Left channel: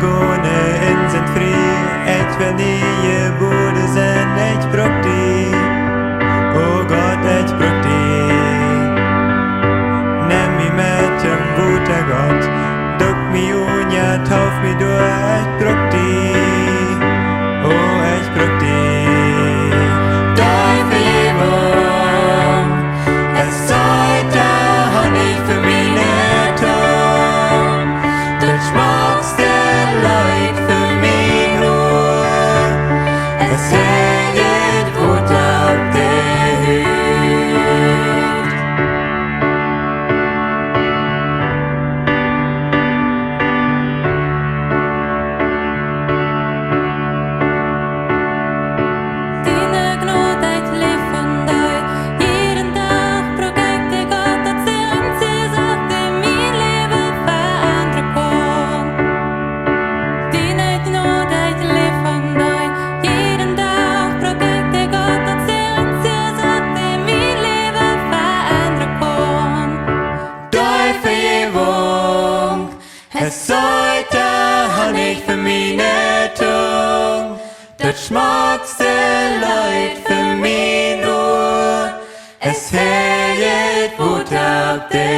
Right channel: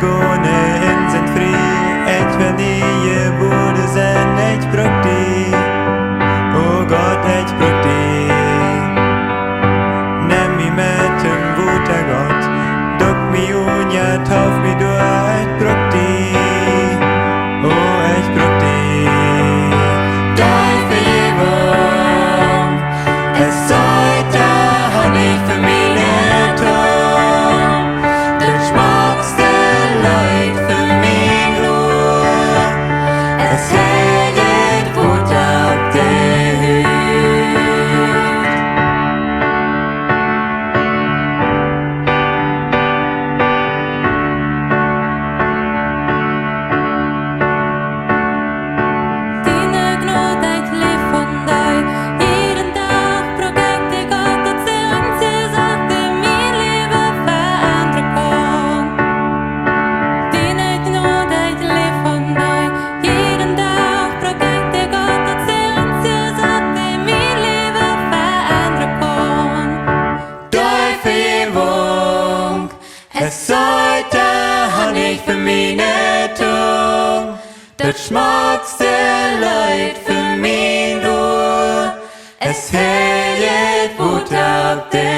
gående innsenfri. Jeg vil nye borde sen, jeg bruk de. Og godt jeg bruk de. Nem mi med dem vute godt. Duk mi unja, tauf mi du, jeg bruk de. Og jeg bruk de. Dei vergebung. Es sollte Honig für meine Tung. Det schmackste Leid für mein Ohr. Es hält gut ab der Hüt. Dine gnådheid leef van dig. Jeden dag project ik uit dat ze ansie zegt in mijn leven veranderen kon. Dine gnådheid leef van dig. Jeden dag project ik uit dat ze ansie zegt in mijn leven veranderen kon. Dei vergebung. Es sollte Honig für meine Tung. Das schmackste Leid für mein Ohr. Es hält gut ab der